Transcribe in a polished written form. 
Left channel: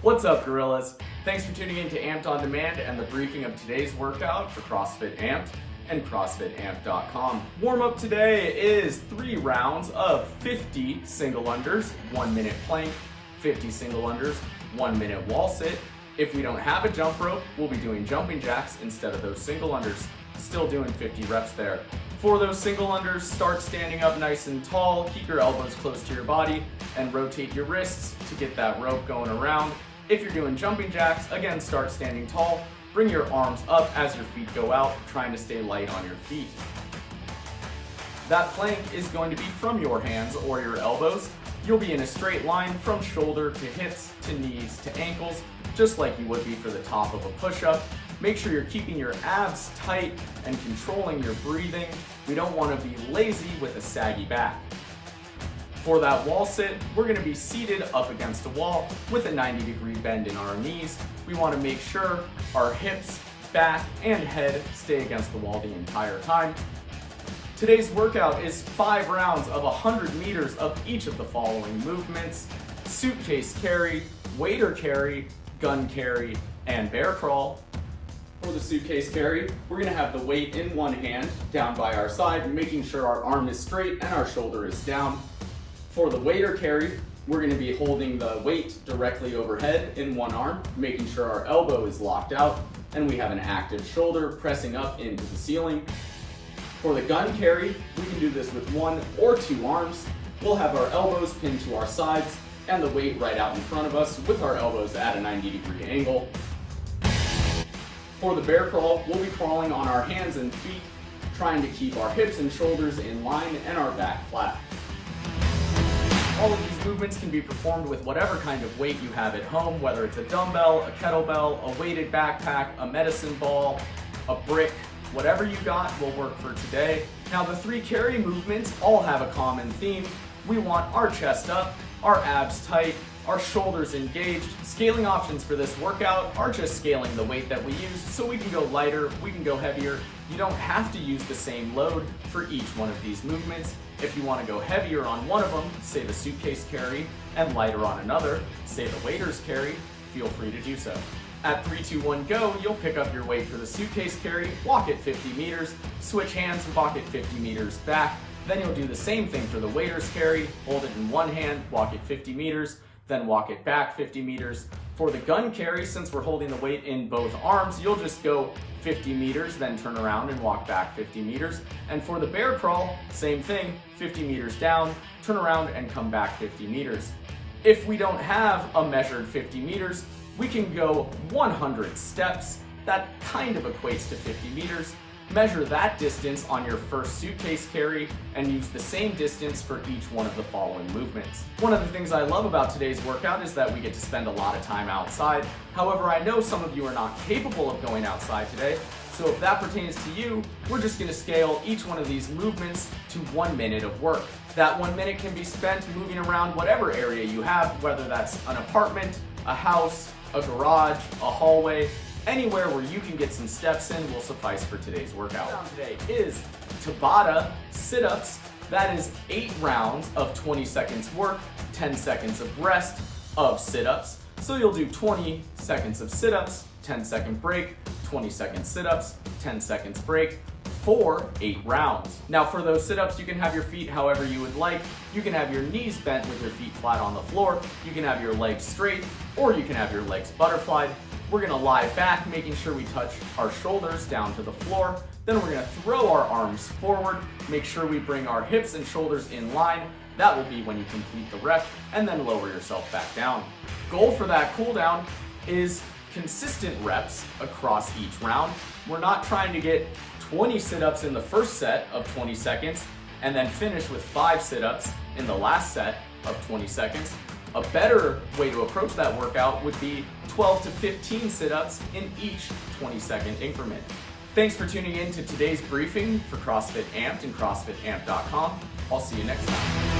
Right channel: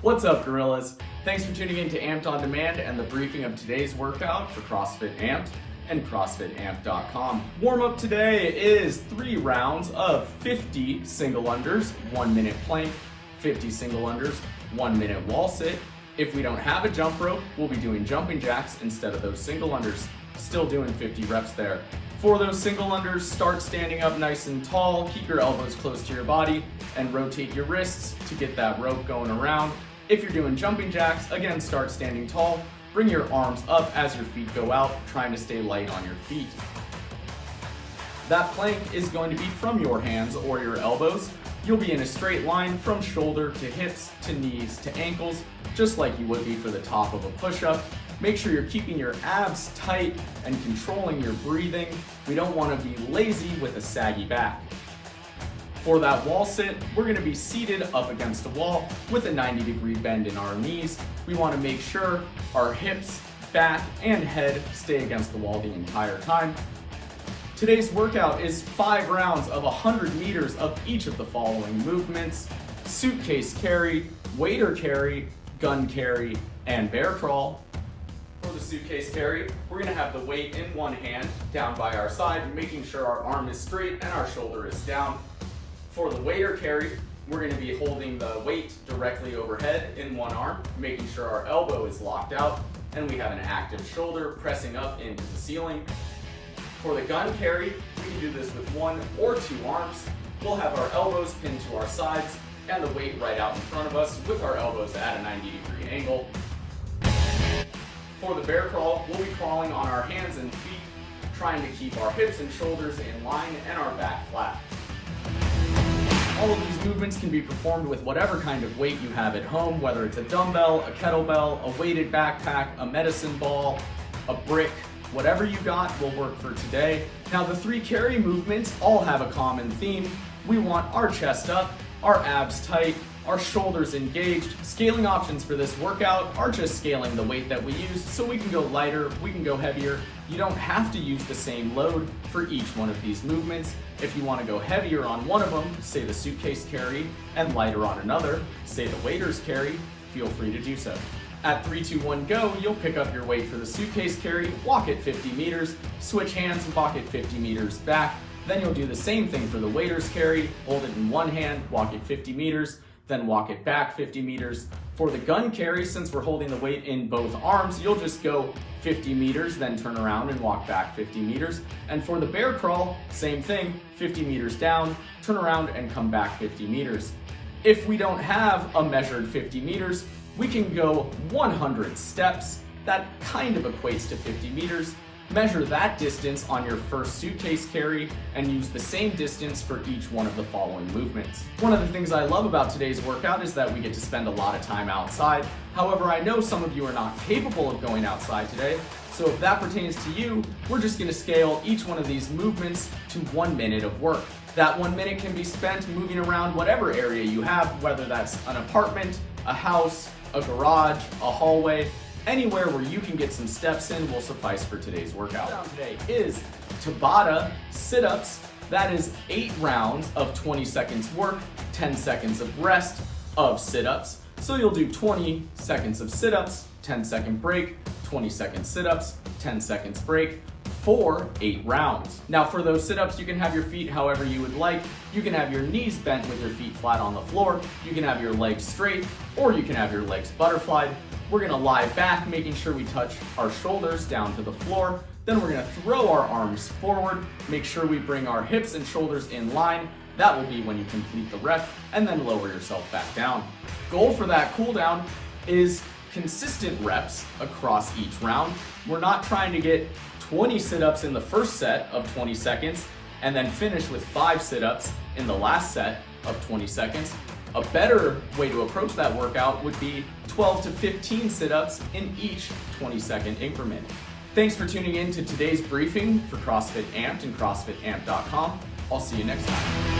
What's up, gorillas? Thanks for tuning in to Amped On Demand and the briefing of today's workout for CrossFit Amped and CrossFitAmped.com. Warm-up today is 3 rounds of 50 single unders, 1 minute plank, 50 single unders, 1 minute wall sit. If we don't have a jump rope, we'll be doing jumping jacks instead of those single unders. Still doing 50 reps there. For those single unders, start standing up nice and tall, keep your elbows close to your body, and rotate your wrists to get that rope going around. If you're doing jumping jacks, again, start standing tall, bring your arms up as your feet go out, trying to stay light on your feet. That plank is going to be from your hands or your elbows. You'll be in a straight line from shoulder to hips to knees to ankles, just like you would be for the top of a push-up. Make sure you're keeping your abs tight and controlling your breathing. We don't want to be lazy with a saggy back. For that wall sit, we're going to be seated up against a wall with a 90-degree bend in our knees. We want to make sure our hips, back, and head stay against the wall the entire time. Today's workout is 5 rounds of 100 meters of each of the following movements: suitcase carry, waiter carry, gun carry, and bear crawl. For the suitcase carry, we're going to have the weight in one hand down by our side, making sure our arm is straight and our shoulder is down. For the waiter carry, we're going to be holding the weight directly overhead in one arm, making sure our elbow is locked out and we have an active shoulder pressing up into the ceiling. For the gun carry, we can do this with 1 or 2 arms. We'll have our elbows pinned to our sides and the weight right out in front of us with our elbows at a 90-degree angle. For the bear crawl, we'll be crawling on our hands and feet, trying to keep our hips and shoulders in line and our back flat. All of these movements can be performed with whatever kind of weight you have at home, whether it's a dumbbell, a kettlebell, a weighted backpack, a medicine ball, a brick. Whatever you got will work for today. Now, the 3 carry movements all have a common theme. We want our chest up, our abs tight, our shoulders engaged. Scaling options for this workout are just scaling the weight that we use, so we can go lighter, we can go heavier. You don't have to use the same load for each one of these movements. If you want to go heavier on one of them, say the suitcase carry, and lighter on another, say the waiter's carry, feel free to do so. At 3, 2, 1, go, you'll pick up your weight for the suitcase carry, walk it 50 meters, switch hands and walk it 50 meters back. Then you'll do the same thing for the waiter's carry, hold it in one hand, walk it 50 meters, then walk it back 50 meters. For the gun carry, since we're holding the weight in both arms, you'll just go 50 meters, then turn around and walk back 50 meters. And for the bear crawl, same thing, 50 meters down, turn around and come back 50 meters. If we don't have a measured 50 meters, we can go 100 steps. That kind of equates to 50 meters. Measure that distance on your first suitcase carry and use the same distance for each one of the following movements. One of the things I love about today's workout is that we get to spend a lot of time outside. However, I know some of you are not capable of going outside today, so if that pertains to you, we're just going to scale each one of these movements to 1 minute of work. That 1 minute can be spent moving around whatever area you have, whether that's an apartment, a house, a garage, a hallway. Anywhere where you can get some steps in will suffice for today's workout. Round today is Tabata sit-ups. That is 8 rounds of 20 seconds work, 10 seconds of rest of sit-ups. So you'll do 20 seconds of sit-ups, 10-second break, 20 second sit-ups, 10 seconds break, for 8 rounds. Now for those sit-ups, you can have your feet however you would like. You can have your knees bent with your feet flat on the floor. You can have your legs straight, or you can have your legs butterflied. We're gonna lie back, making sure we touch our shoulders down to the floor. Then we're gonna throw our arms forward, make sure we bring our hips and shoulders in line. That will be when you complete the rep, and then lower yourself back down. Goal for that cool down is consistent reps across each round. We're not trying to get 20 sit-ups in the first set of 20 seconds and then finish with 5 sit-ups in the last set of 20 seconds. A better way to approach that workout would be 12 to 15 sit-ups in each 20-second increment. Thanks for tuning in to today's briefing for CrossFit Amped and CrossFitAmped.com. I'll see you next time.